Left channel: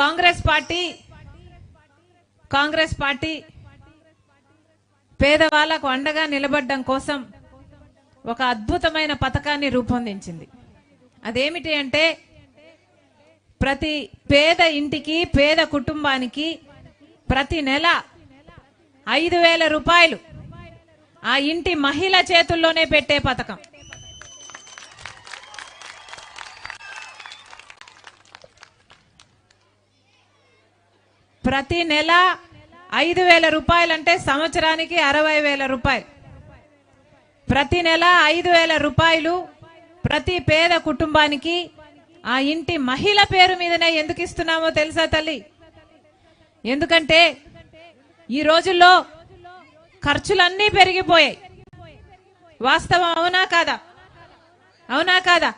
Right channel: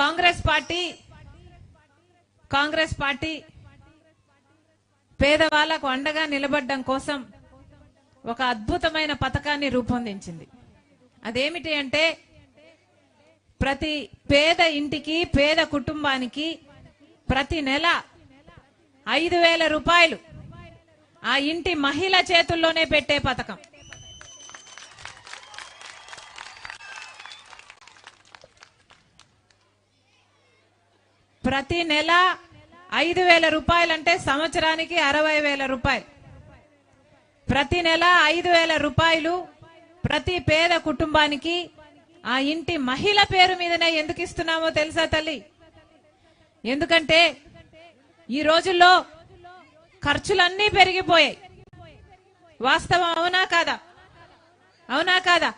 Congress party Congress party పేదవాళ్ళకు అండగా నిలబడడం కోసం ఒక అద్భుతమైన పథకాన్ని రూపొందించింది. అదేమిటి అంటే ప్రతి పేద ఇంటికి పేద కుటుంబానికి ప్రతి నెల ఐదు వేల రూపాయలు ఆ ఇంటి మహిళ చేతుల్లోనే పెట్టే పథకం. ప్రతి నెల ఐదు వేల రూపాయలంటే సంవత్సరానికి అరవై వేల రూపాయలు. ప్రతి నెల ఐదు వేల రూపాయలు ప్రతి పేద కుటుంబానికి ఆ ఇంటి మహిళ పేరు మీదనే ఎందుకు ఇస్తున్నామో తెలుసా తల్లి? ఎందుకంటే ఈ రోజుల్లో ఖర్చులన్నీ పెరిగిపోయాయి. వాస్తవం అవునా కాదా? అవునా కాదా?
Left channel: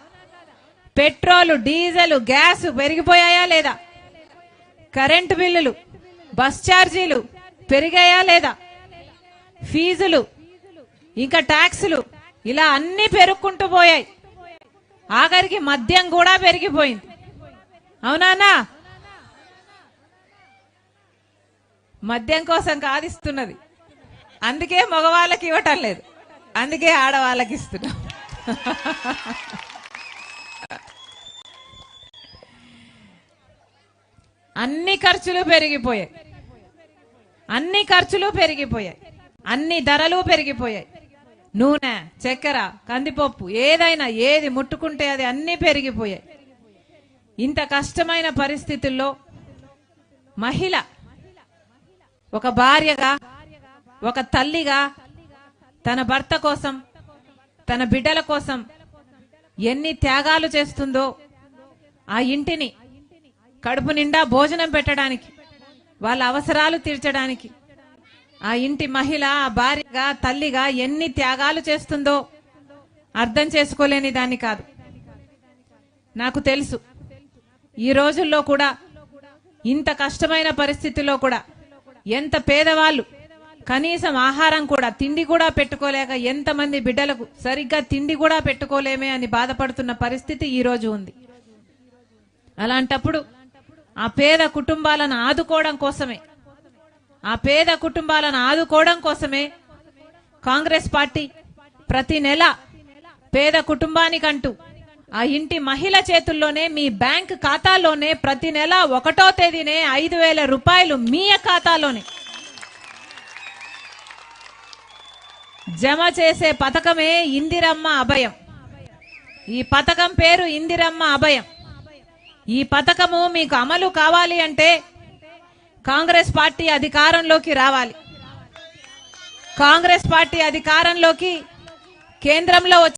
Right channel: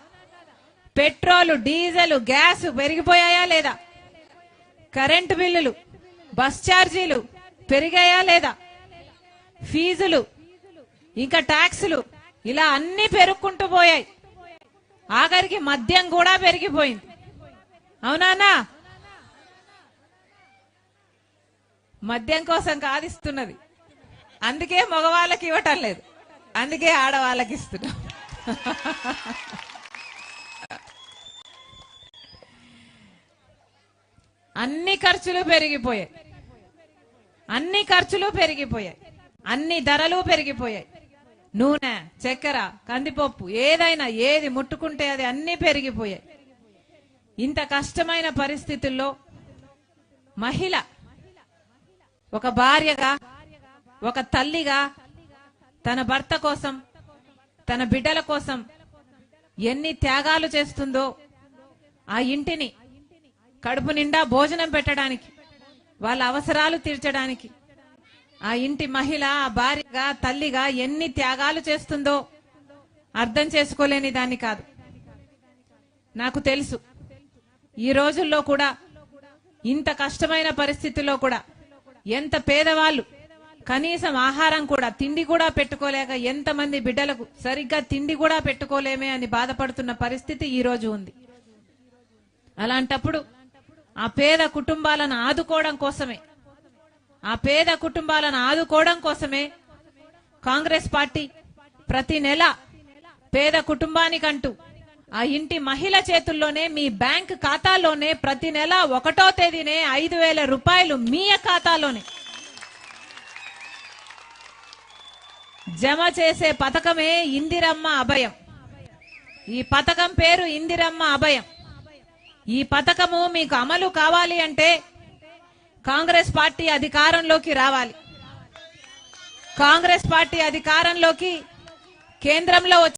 పెట్రోల్ డీజిల్ గ్యాస్ పెరిగిపోయాయా లేదా? కరెంటు బిల్లులు బస్ ఛార్జీలు పెరిగాయా లేదా? ఫీజులు ఇంకా ట్యాక్సులు ఇలా అన్ని పెరుక్కుంటూ పోయాయి. ఆఖరికి మద్యం కూడా పెరిగిపోయింది. అవునానా మద్యం కోసం కాదిస్తున్నది అందుకే మగవాళ్ళకి ఇవ్వటం లేదు. అందుకే ఆడవాళ్ళకి ఇస్తున్నాం. అన్ని ఖర్చులు పెరిగిపోయాయి. అన్ని ఖర్చులు పెరిగిపోయాయి. అన్ని ధరలు పెరిగిపోయాయి. నూనె చక్కెర కందిపప్పు ఏదైనా ఏది ముట్టుకుంటే అది అన్ని పెరిగిపోయాయి. ఇంత కష్టమైన పరిస్థితుల్లో మహిళ ఒక భార్యగా ఒక తల్లిగా తన భర్త కోసం తన బిడ్డల కోసం ఎన్ని త్యాగాలు చేస్తుందో ఆ ఇంటిని కడుపు నిండా భోజనం పెట్టడానికి వాళ్ళ అవసరాలు తీర్చడానికి. ఆ ఇంటి మహిళ ఆ భార్యగా తల్లిగా ఎన్ని త్యాగాలు చేస్తుందో అర్థం చేసుకోలేని దాన్ని కాదు. నాకు తెలుసు. ఈ రోజుల్లో కూడా ఇంత కష్టమైన పరిస్థితిలో కూడా ఎంత పేదవాళ్ళు కనీసం ఆహారం కూడా తిండి కూడా పెట్టుకోలేక ఎంతమంది బిడ్డలకు సరిగ్గా తిండి కూడా పెట్టుకోలేమే అని బాధపడుతున్న పరిస్థితి ఈ రోజు ఉంది. అలాంటప్పుడు ఆ పేద కుటుంబాలను ఆదుకోవడం కోసమే. ఆ పేద కుటుంబాలను ఆదుకోవడం కోసమే కాంగ్రెస్ పార్టీ ప్రతి నెల పేద కుటుంబానికంటూ ఆ ఇంటి మహిళ చేతుల్లోనే మీ బ్యాంక్ ఖాతాలోనే ప్రతి నెల ఒకటో తేదీనే ఐదు వేల రూపాయలు మీ ఖాతాలోనే. జమ చేసే పథకమే ఇందిరమ్మ అభయం. ఈ పథకం పేరు ఇందిరమ్మ అభయం. ఈ పథకము మీకు అమలు కావాలి అంటే కాంగ్రెస్ పార్టీ అధికారంలోకి రావాలి. కాంగ్రెస్ పార్టీ అధికారంలోకి కేంద్రంలో వచ్చి